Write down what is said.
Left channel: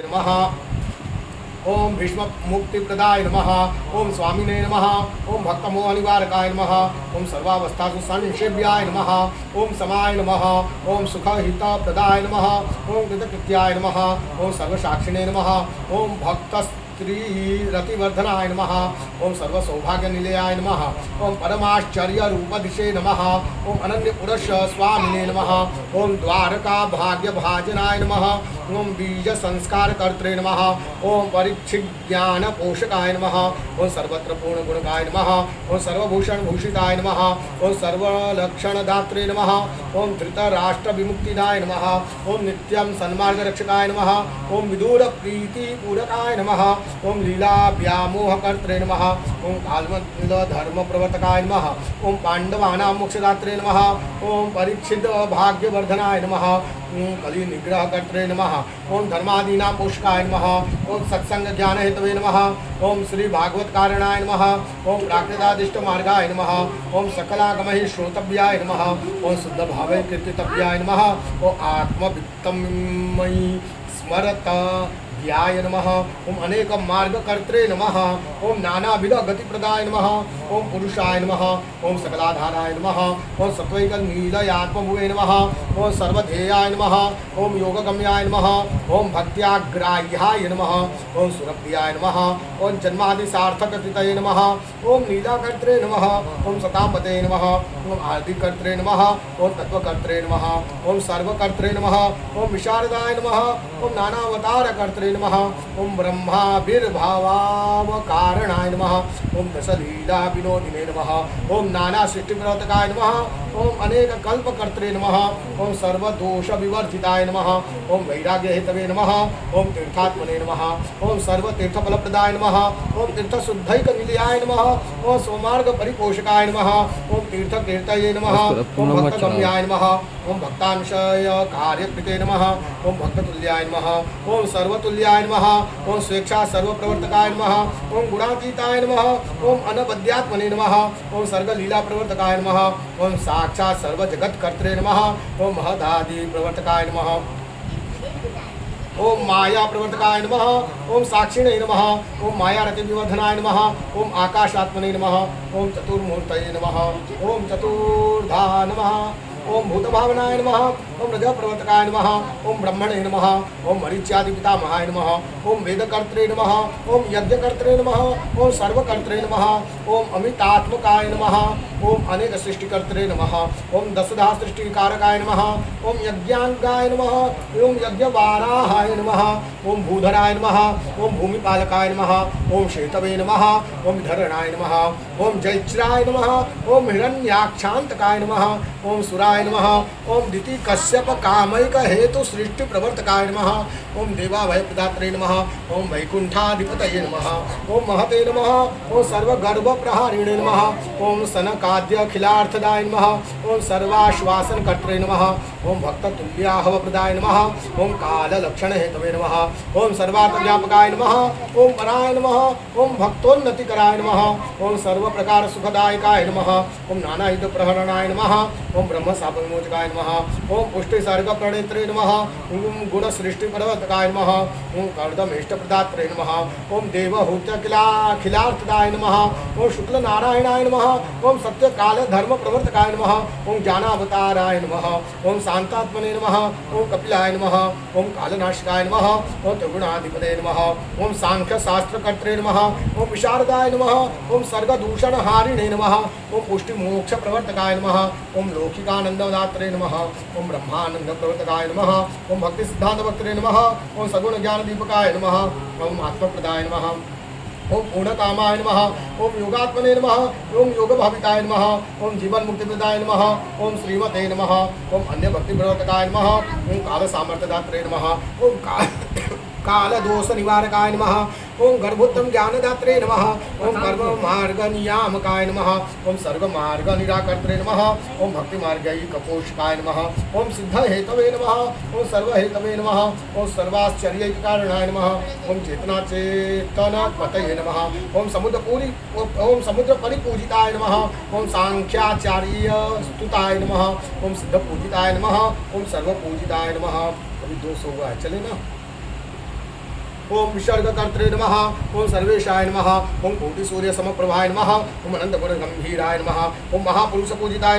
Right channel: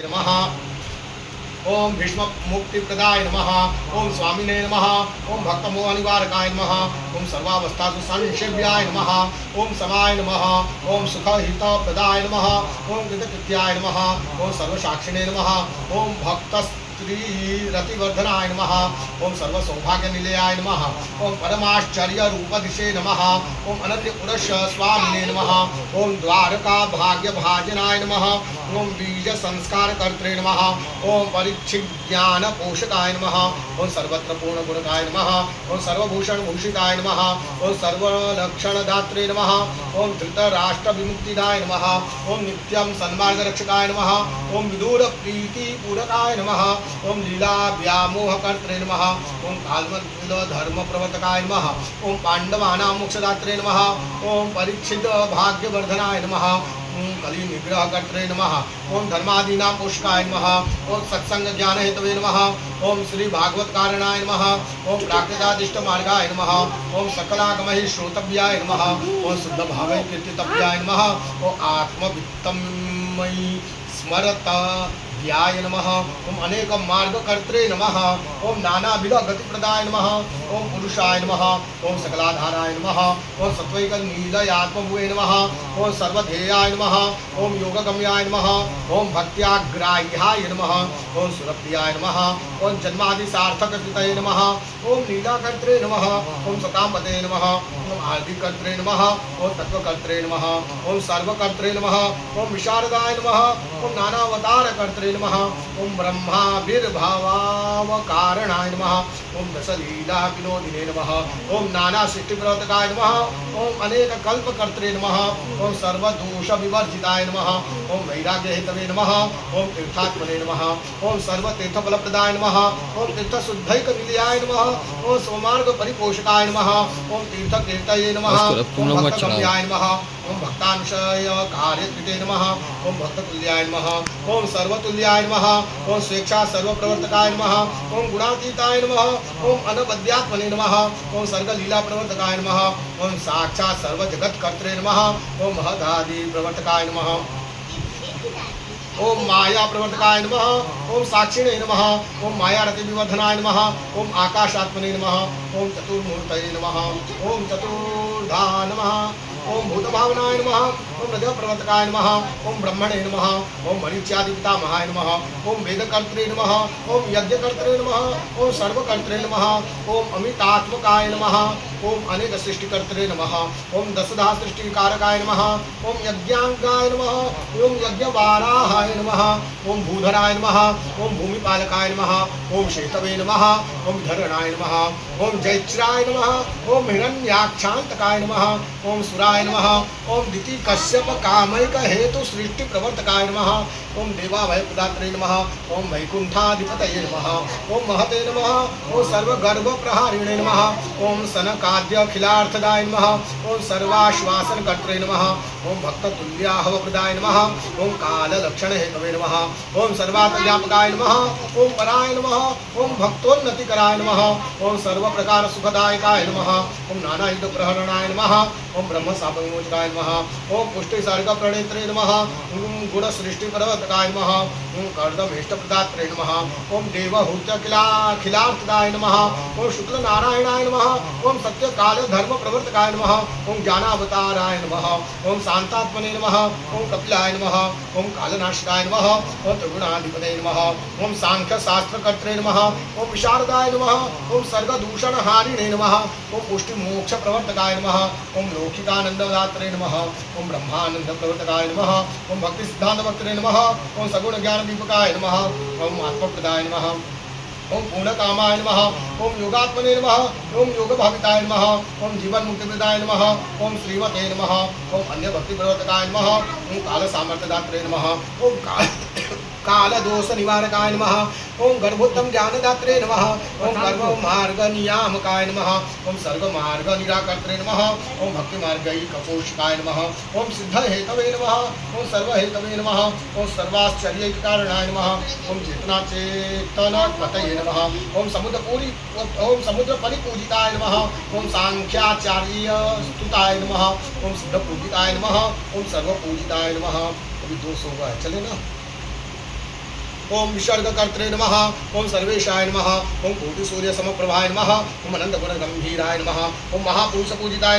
नमः। ओम भीष्म मुक्तिप्रदाय नमः। ओम स्वामिने नमः। ओम भक्तमोहनिवारकाय नमः। ओम सर्वावस्थासु संसेव्याय नमः। ओम समाय नमः। ओम सुखहितप्रदाय नमः। ओम कृतकृत्याय नमः। ओम सर्वसाक्षिणे नमः। ओम भक्त रतिवर्धनाय नमः। ओम सर्वसौभाग्यनिलयाय नमः। ओम परमाश्चर्य रूपदिशे नमः। ओम अनन्य पुरुष स्वामिने नमः। ओम द्वारका भाग्य भाजनाय नमः। ओम बीज संस्कार कर्त्रे नमः। ओम परीक्षित ज्ञान पोषकाय नमः। ओम सर्वत्र पूर्ण गुणकाय नमः। ओम सर्वभूषण भूषिताय नमः। ओम सर्वलक्षण दात्रे नमः। ओम धृतराष्ट्र विमुक्तिदाय नमः। ओम नित्यं सन्मार्ग रक्षकाय नमः। ओम विदुर प्रीति पूरकाय नमः। ओम लीला व्यामोह कर्त्रे नमः। ओम कालमल धर्म प्रवर्तकाय नमः। ओम पांडवानां मोक्षदात्रे नमः। ओम परीक्षित भाग्यवर्धनाय नमः। ओम कलि निग्रह कर्त्रे नमः। ओम धर्मादीनां पोषकाय नमः। ओम सत्संग ज्ञान हेतवे नमः। ओम श्री भागवत कारणाय नमः। ओम प्राकृतादिष्ट मार्गाय नमः। ओम सकलागमहि श्रोतव्याय नमः। ओम शुद्ध भावै कीर्तितव्याय नमः। ओम आत्मवित्तमयि स्मरत ध्याय नमः। ओम अनेक मार्ग कर्त्रे नमः। ओम नानाविध गतिप्रदाय नमः। ओम पुरुषाय नमः। ओम सकलाधाराय नमः। ओम सत्वैक नीलयात्मभुवे नमः। ओम सर्वधेयाय नमः। ओम योगगम्याय नमः। ओम भक्त्याग्राह्याय नमः। ओम सुरप्रियाय नमः। ओम जन्मादि सार्थककृतये नमः। ओम लीलाकर्त्रे नमः। ओम सतांपते नमः। ओम आदिकर्त्रे नमः। ओम तत्वकर्त्रे नमः। ओम सर्वकर्त्रे नमः। ओम विशारदाय नमः। ओम नानावतार कर्त्रे नमः। ओम ब्रह्माविर्भावावकारणाय नमः। ओम दशलीला विनोदिने नमः। ओम नाना सृष्टिप्रवर्तकाय नमः। ओम अनेक कल्पकर्त्रे नमः। ओम सर्वदोष विवर्जिताय नमः। ओम वैराग्य हेतवे नमः। ओम तीर्थात्मने नमः। ओम सर्वतीर्थफलप्रदाय नमः। ओम तीर्थशुद्धैक निलयाय नमः। ओम सोमार्ग परिपोषकाय नमः। ओम तीर्थकीर्तये नमः। ओम भक्तगम्याय नमः। ओम भक्तांशय कार्यकृते नमः। ओम भक्ततुल्याय नमः। ओम सर्वतुल्याय नमः। ओम स्वेच्छा सर्वप्रवर्तकाय नमः। ओम गुणातीताय नमः। ओम अनवद्यात्मने नमः। ओम सर्गलीला प्रवर्तकाय नमः। ओम साक्षात् सर्वजगत्कर्त्रे नमः। ओम महदादि प्रवर्तकाय नमः। ओम माया प्रवर्तकाय नमः। ओम साक्षिणे नमः। ओम मायारति विवर्धनाय नमः। ओम आकाशात्मने नमः। ओम चतुर्मूर्तये नमः। ओम चतुर्धा नमः। ओम भूतभावनाय नमः। ओम हृदय प्रवर्तकाय नमः। ओम ब्रह्मणे नमः। ओम मरीच्यादि पितामहाय नमः। ओम वेदकर्त्रे नमः। ओम यज्ञकर्त्रे नमः। ओम सर्वकर्त्रे नमः। ओम अमितात्मकाय नमः। ओम अनेक सृष्टिकर्त्रे नमः। ओम दशधा सृष्टिकारकाय नमः। ओम यज्ञांगाय नमः। ओम यज्ञवाराहाय नमः। ओम भूधराय नमः। ओम भूमिपालकाय नमः। ओम शेतवे नमः। ओम धरणाय नमः। ओम जैत्राय नमः। ओम हिरण्याक्षांतकाय नमः। ओम सुराय नमः। ओम दिति कश्यप कामैक हेतु सृष्टि प्रवर्तकाय नमः। ओम देवाभय प्रदात्रे नमः। ओम वैकुंठाधिपतये नमः। ओम महते नमः। ओम सर्वगर्भ प्रहारिणे नमः। ओम सनकाद्य अखिलार्थदाय नमः। ओम सर्वाश्वासन कर्त्रे नमः। ओम भक्ततुल्याहव प्रदाय नमः। ओम काल लक्षण हेतवे नमः। ओम सर्वात्मव्यापकाय नमः। ओम पराय नमः। ओम भक्तोन्नतिकराय नमः। ओम सर्व प्रकार सुखदायकाय नमः। ओम नानायुध प्रहरणाय नमः। ओम ब्रह्म शापविमोचकाय नमः। ओम पुष्टि सर्ग प्रणेत्रे नमः। ओम गुण सृष्टि पर्वतकाय नमः। ओम कर्दमेष्ट प्रदात्रे नमः। ओम देवहूत खिलार्थदाय नमः। ओम शुक्ल नारायणाय नमः। ओम सत्य काल धर्म प्रवर्तकाय नमः। ओम ज्ञानावताराय नमः। ओम शांतात्मने नमः। ओम कपिलाय नमः। ओम कालनाशकाय नमः। ओम त्रिगुणाधिपते नमः। ओम सांख्य शास्त्र कर्त्रे नमः। ओम विशारदाय नमः। ओम सर्गदूषण हारिणे नमः। ओम पुष्टि मोक्ष प्रवर्तकाय नमः। ओम लौकिकानंददात्रे नमः। ओम ब्रह्मानंद प्रवर्तकाय नमः। ओम भक्ति सिद्धांत भक्तरे नमः। ओम सगुण ज्ञान दीपकाय नमः। ओम आत्मप्रदाय नमः। ओम पूर्णकामाय नमः। ओम योगात्मने नमः। ओम योग भाविकाय नमः। ओम जीवन मुक्तिप्रदाय नमः। ओम श्रीमते नमः। ओम अन्य भक्ति प्रवर्तकाय नमः। ओम काल सामर्थ्यदात्रे नमः। ओम काल दोष निवारकाय नमः। ओम गर्भोत्तम ज्ञानदात्रे नमः। ओम कर्म मार्ग नियामकाय नमः। ओम सर्व मार्ग निराकर्त्रे नमः। ओम भक्ति मार्गई कपोषकाय नमः। ओम सिद्ध हेतवे नमः। ओम सर्व हेतवे नमः। ओम सर्वाश्चर्य कारणाय नमः। ओम चेतना चेतन पतये नमः। ओम समुद्र परिपूजिताय नमः। ओम सांख्याचार्य स्तुताय नमः। ओम सिद्ध पूजिताय नमः। ओम सर्व पूजिताय नमः। अभी 200 हुआ है, चले ना। ओम विसर्गकर्त्रे नमः ओम सर्वेशाय नमः ओम कोटिसूर्यसमप्रभाय नमः ओम अनंतगुणगंभीराय नमः ओम महापुरुषपूजिताय नमः